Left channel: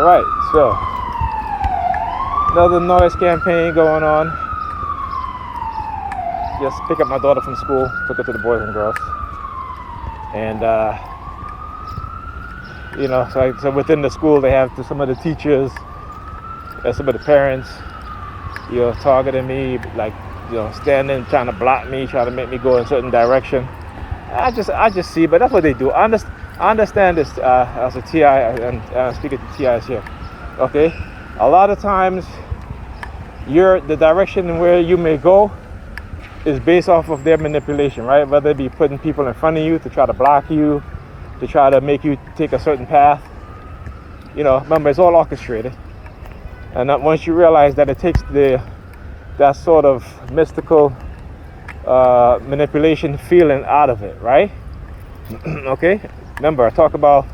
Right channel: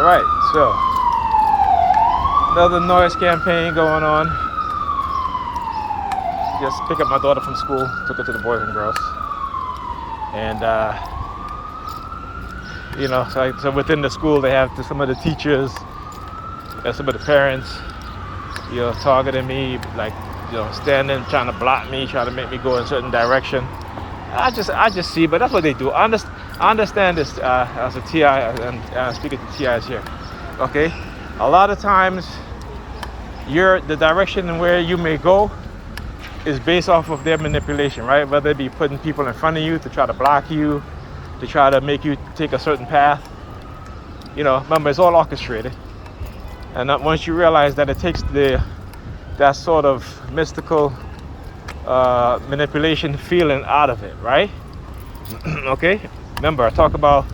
All right, so another noise campaign going on. Just pick up my daughter from school, took her to the Boys and Girls. And, so within the school, they have some of the teachers, some of the parents, targeting me, like, standing, trying to block me, trying to make me go in a certain direction. I just see, but that's what they do. I understand this as a TI, and speaking to TIs here. Okay, a lot of times, the direction where you may go is based off of their manipulation, right? Whether it be putting people in front of you to try to block you, to try to make you take a certain path. Remember, it's all orchestrated. And once you realize that it takes that sort of mystical manipulation feeling out of it, right? Okay? Remember, I talk about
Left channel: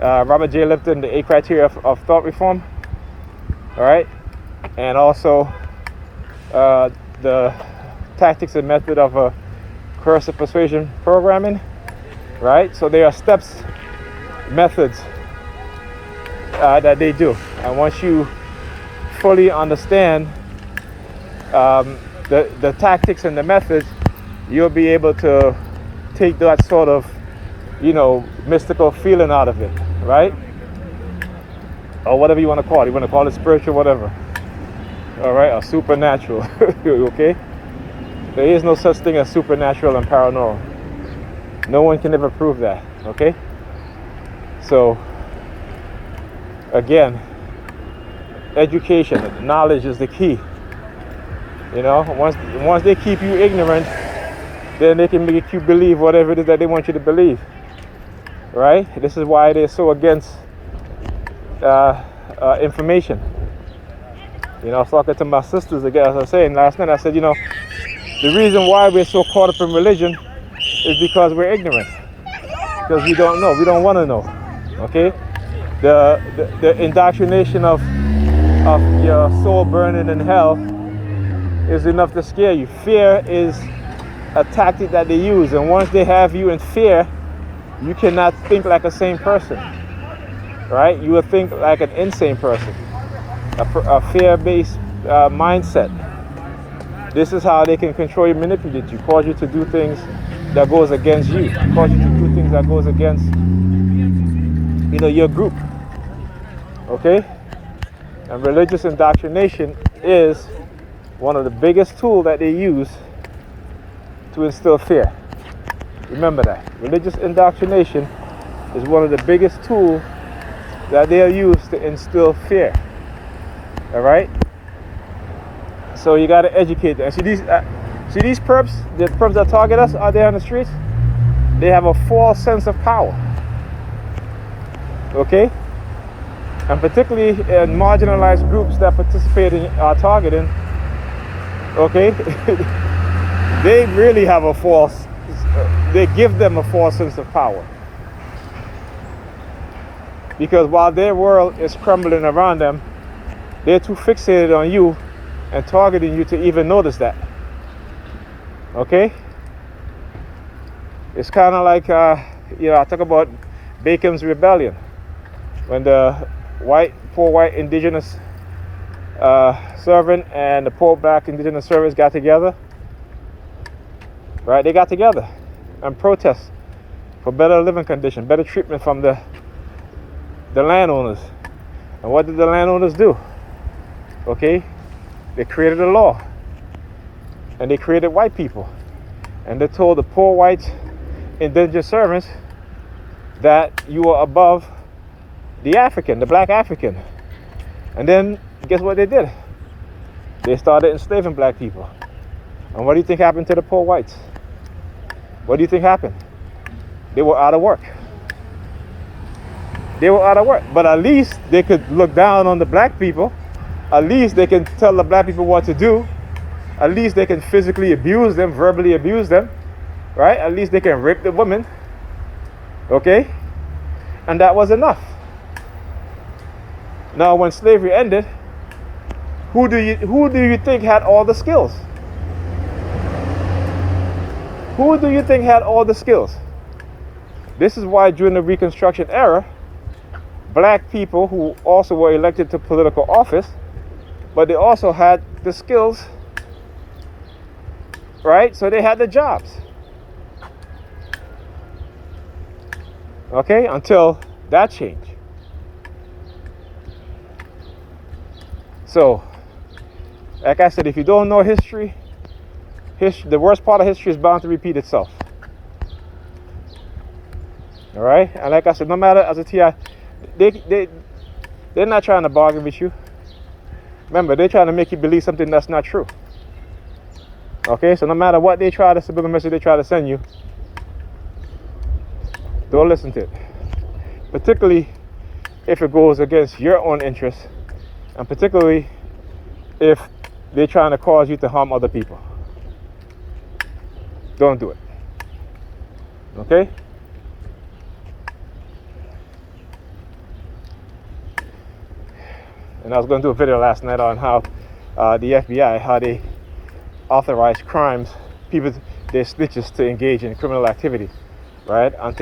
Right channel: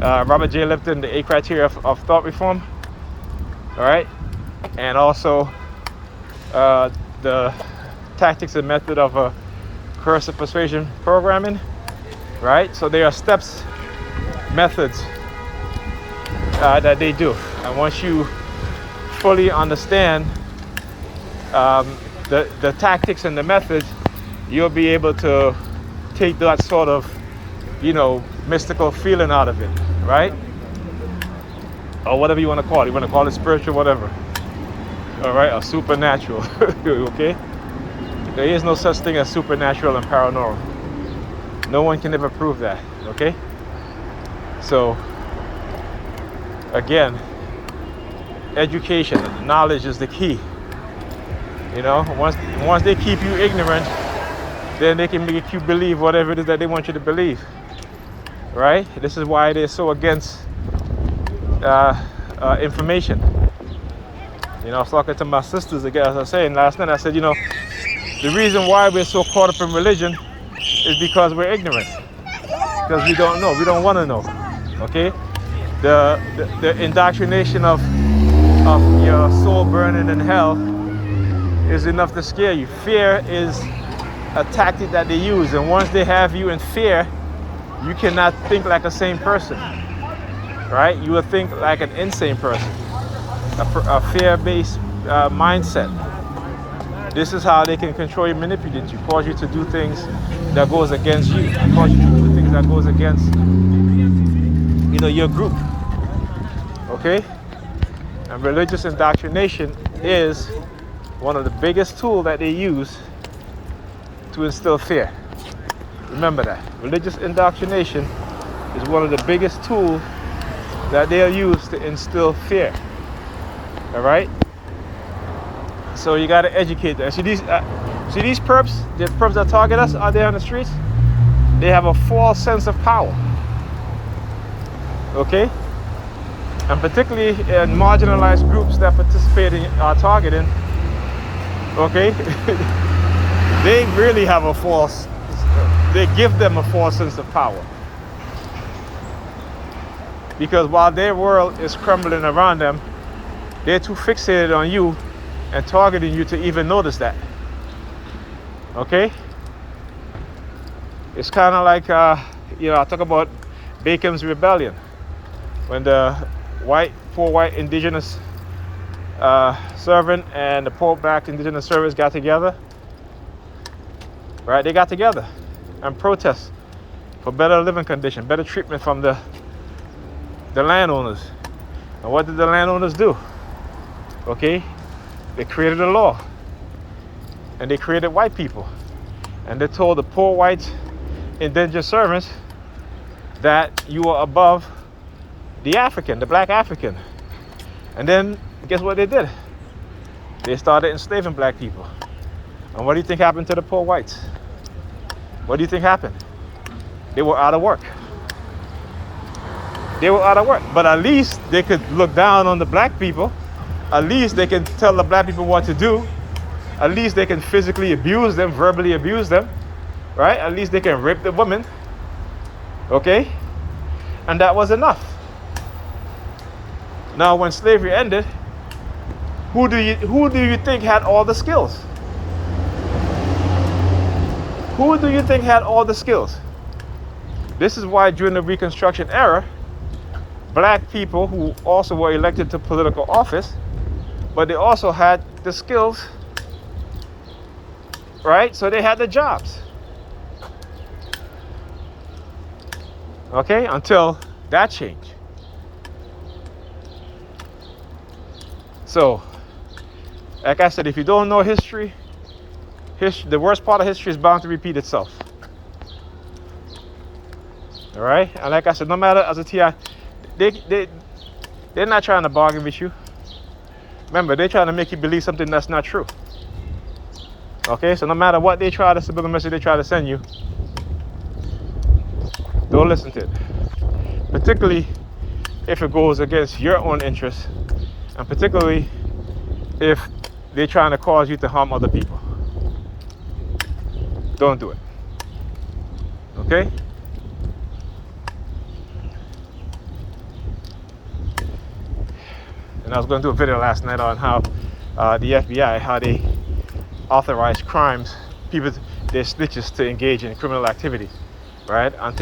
Robert J. Lipton, the 8 criteria of thought reform, all right? And also the tactics and method of a coercive persuasion programming, right? So there are steps, methods that they do. And once you fully understand the tactics and the methods, you'll be able to take that sort of, mystical feeling out of it, right? Or whatever you want to call it. You want to call it spiritual, whatever. All right, or supernatural, okay? There is no such thing as supernatural and paranormal. No one can ever prove that, okay? So, again, education, knowledge is the key. Once they keep you ignorant, then they can make you believe whatever it is that they want you to believe, right? This is why they're so against information. I was talking to my sisters again, as I was saying last night, I said, the reason why we're so caught up in religion is because we're ignorant. Because we don't know. We don't want to know. Okay? The indoctrination of your soul burning in hell is enough to scare you. Fear is a tactic that they use. And once they have you in fear, you cannot think like a sane person. Right? You will think like an insane person. A fear-based mindset. This is how they can control you, manipulate you, cause you to do things that goes against you, cause you to do things that goes against, your group. Okay? And religious indoctrination is one of the biggest tools that they use to instill fear. Remember that. Religious indoctrination is one of the biggest tools that they'll use to instill fear. All right? So you got to educate them. See these perps, the perps that target us out there on the streets, they have a false sense of power. Okay? And particularly in marginalized groups that participate in targeting, okay, they really have they give them a false sense of power. Because while their world is crumbling around them, they're too fixated on you and targeting you to even notice that. Okay? It's kind of like, I talk about Bacon's Rebellion. When the poor white indigenous servant and the poor black indigenous servants got together, right? They got together and protest for better living conditions, better treatment from the landowners. And what did the landowners do? Okay? They created a law, and they created white people, and they told the poor white indentured servants that you were above the African, the black African. And then guess what they did? They started enslaving black people. And what do you think happened to the poor whites? What do you think happened? They were out of work. They were out of work, but at least they could look down on the black people. At least they can tell the black people what to do. At least they can physically abuse them, verbally abuse them, right? At least they can rape the women, okay? And that was enough. Now, when slavery ended, who do you think had all the skills? Who do you think had all the skills? This is why during the Reconstruction era, black people who also were elected to political office, but they also had the skills, right? So they had the jobs. Okay, until that changed. So, like I said, if you don't know history, the worst part of history is bound to repeat itself. All right, and like I said, no matter as a TI, they're not trying to bargain with you. Remember, they're trying to make you believe something that's not true. Okay, so no matter what they try, the subliminal message they try to send you, don't listen to it. Particularly if it goes against your own interests, and particularly if they're trying to cause you to harm other people. Don't do it. Okay? And I was going to do a video last night on how the FBI, how they authorize crimes, people, their snitches to engage in criminal activities, right? And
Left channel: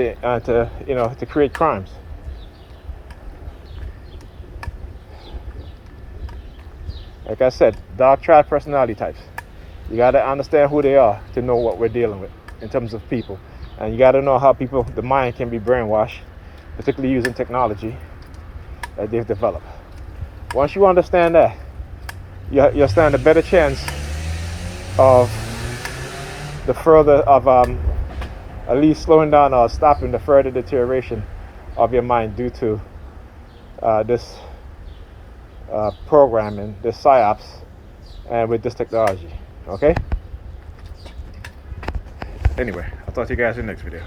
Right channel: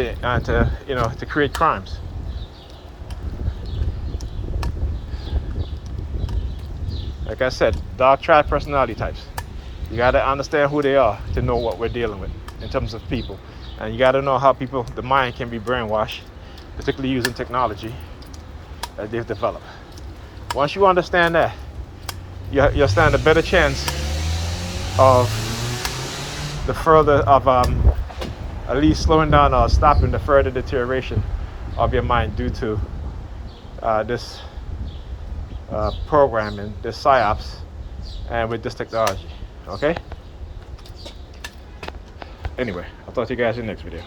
to you know, to create crimes. Like I said, dark triad personality types. You got to understand who they are to know what we're dealing with in terms of people. And you got to know how people, the mind can be brainwashed, particularly using technology that they've developed. Once you understand that, you'll stand a better chance of at least slowing down or stopping the further deterioration of your mind due to this programming, this psyops, and with this technology. Okay? Anyway, I'll talk to you guys in the next video.